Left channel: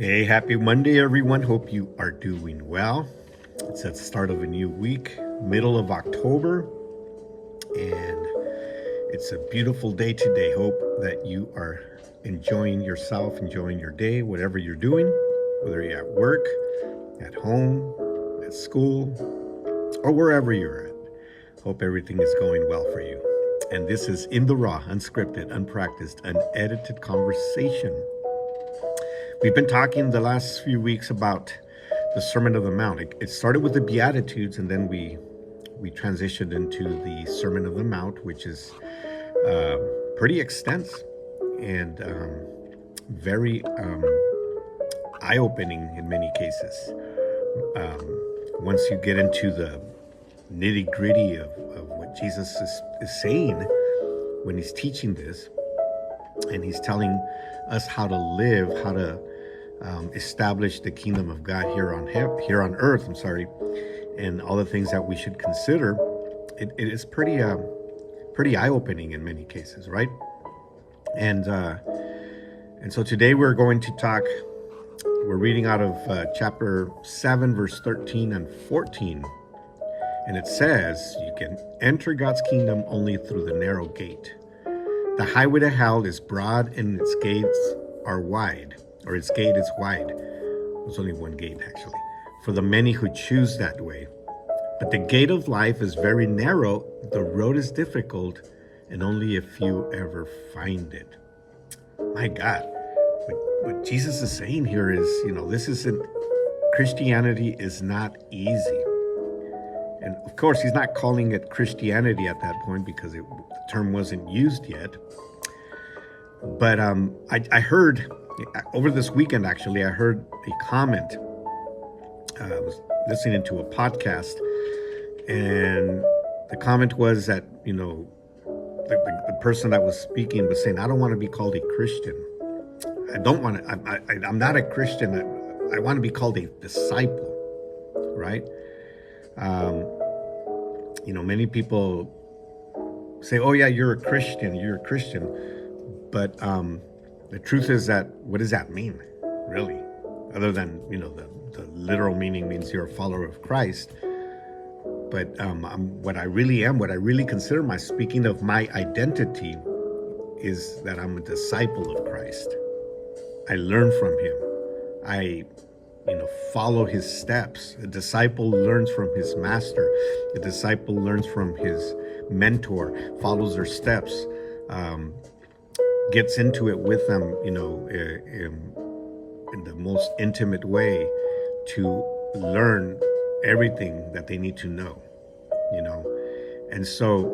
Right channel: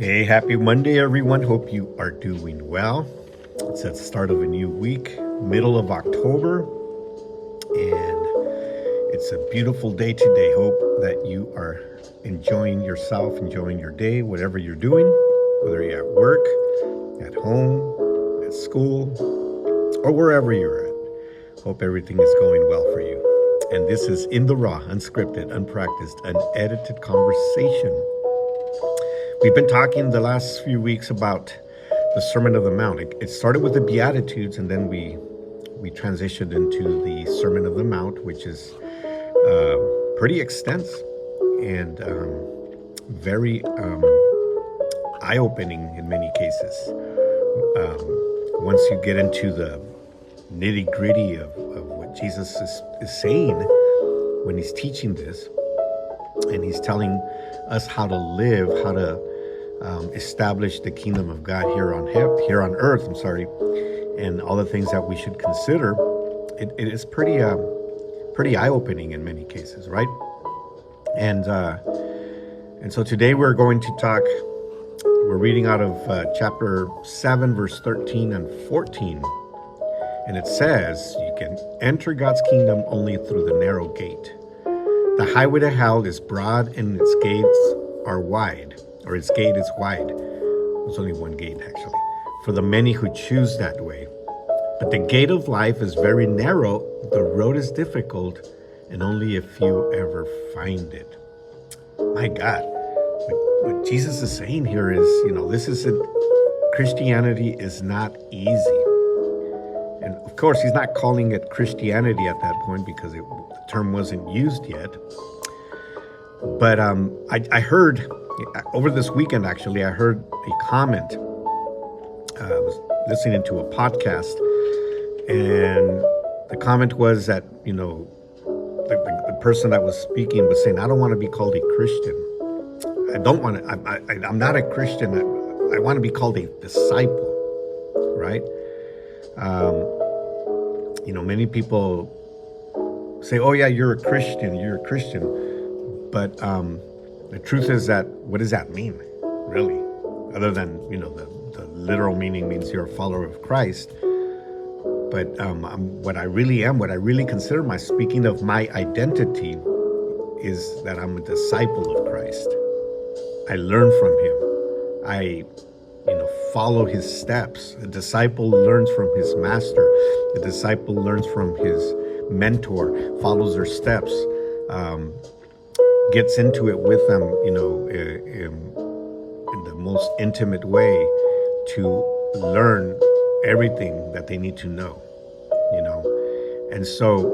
Hey, happy Monday, everyone. Hope you are doing well. It's at the start of a new week, middle of October, and it's a beautiful day today. Hope that you are enjoying yourself, enjoying your day, whatever you're doing, whether you're at work, at home, at school, or wherever you're at. Hope everything is going well for you. And this is In the Raw, unscripted, unpracticed, unedited conversation. We've been talking the last few weeks about the Sermon on the Mount. It started with the Beatitudes, and then we transitioned into the Sermon on the Mount, which is pretty extensive and very eye-opening in many cases. Once you get into the nitty-gritty of what Jesus is saying when he's teaching this, and he's telling us how to live, how to establish the kingdom of God here on earth. And all the things that we should consider. It is pretty eye-opening in many cases, right? And so today we're going to talk. We're reading out of chapter 7, verse 13 and 14, and it says, "You can enter God's kingdom only through the narrow gate. The highway to hell is broad and its gates are wide, or its gate is wide." There's only one gate, actually, for the many who choose that way. But the gate of life is very narrow, the road is difficult, and only a few ever find it. My God, what Jesus is saying here is, this isn't, Christianity is not easy. And of course, he's not calling it Christianity at that point because the term wasn't used yet. But I heard, over this weekend actually, I heard a comment. I was listening to a podcast, and the comment was that, the person that was speaking was saying, "I don't want to be called a Christian. I don't want to, I'm not a Christian. I want to be called a disciple," right? Many people say, "Oh yeah, you're a Christian. But the truth is that, what does that mean, really? Other than, the literal meaning means you're a follower of Christ. But what I really consider speaking of my identity, is that I'm a disciple of Christ. I learn from him. I follow his steps. A disciple learns from his master. A disciple learns from his mentor, follows their steps, gets into it with them, in the most intimate way to learn everything that they need to know, And so,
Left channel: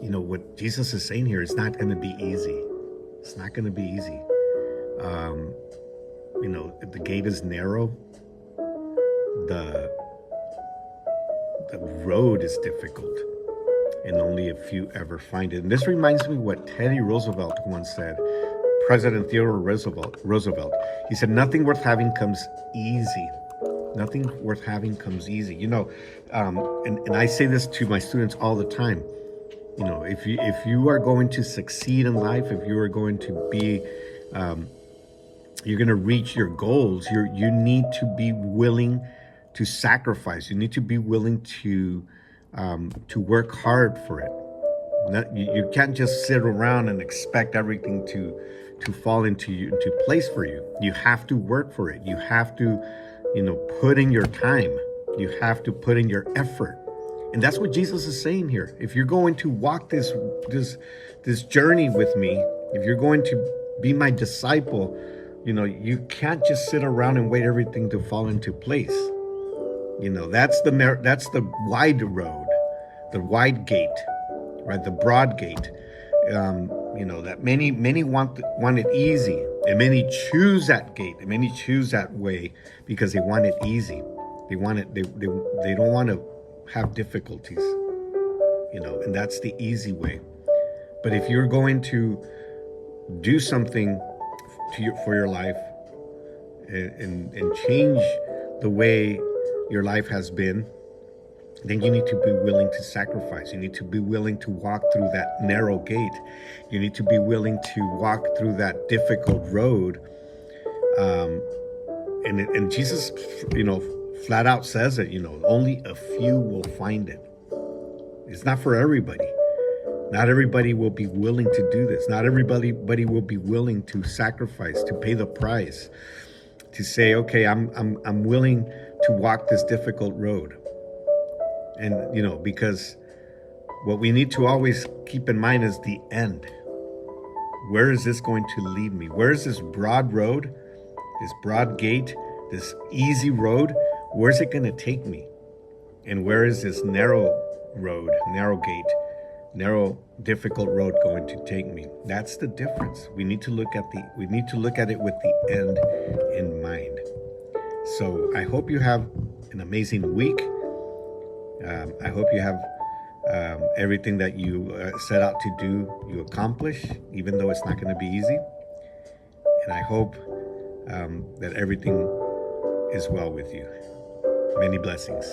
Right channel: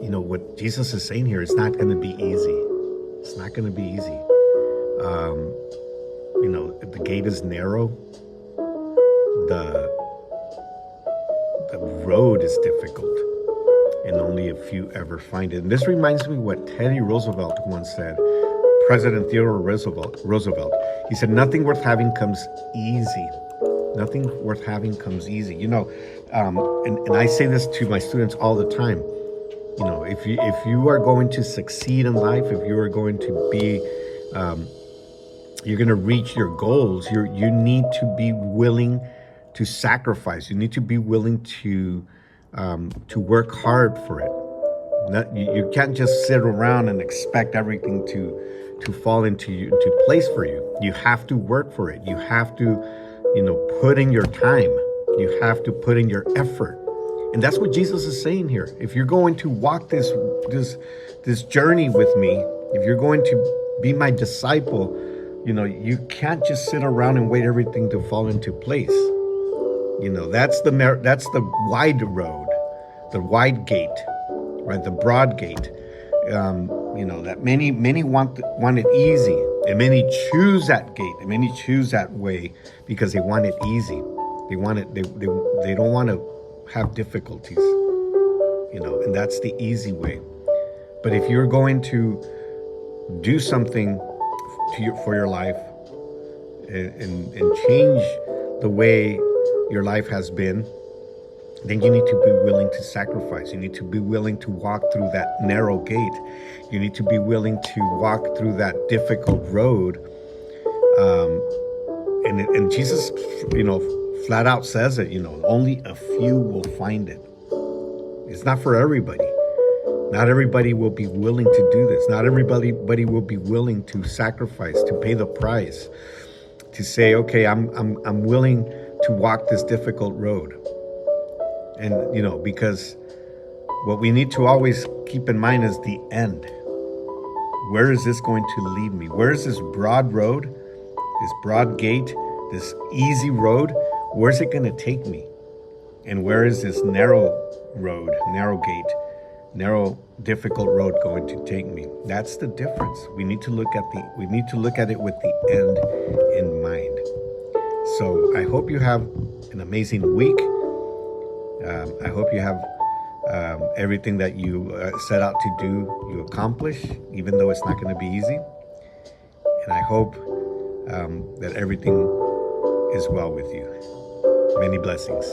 what Jesus is saying here is not going to be easy. It's not going to be easy. The gate is narrow. The road is difficult, and only a few ever find it. And this reminds me what Teddy Roosevelt once said, President Theodore Roosevelt. He said, "Nothing worth having comes easy. Nothing worth having comes easy." And I say this to my students all the time. If you are going to succeed in life, if you are going to be, you're going to reach your goals, you need to be willing to sacrifice. You need to be willing to work hard for it. You can't just sit around and expect everything to fall into place for you. You have to work for it. You have to, put in your time. You have to put in your effort. And that's what Jesus is saying here. If you're going to walk this journey with me, if you're going to be my disciple, you can't just sit around and wait everything to fall into place. That's the wide road, the wide gate, right? The broad gate. That many want it easy, and many choose that gate, and many choose that way because they want it easy. They want it. They don't want to have difficulties, and that's the easy way. But if you're going to do something for your life and change the way your life has been, then you need to be willing to sacrifice. You need to be willing to walk through that narrow gate. You need to be willing to walk through that difficult road And Jesus, flat out says it. Only a few will find it. It's not for everybody. Not everybody will be willing to do this. Not everybody will be willing to sacrifice, to pay the price, to say, okay, I'm willing to walk this difficult road. And because what we need to always keep in mind is the end. Where is this going to lead me? Where is this broad road, this broad gate, this easy road? Where's it going to take me? And where is this narrow road, narrow gate, narrow, difficult road going to take me? That's the difference. We need to look at it with the end in mind. So I hope you have an amazing week. I hope you have everything that you set out to do, you accomplish, even though it's not going to be easy. And I hope that everything is well with you. Many blessings.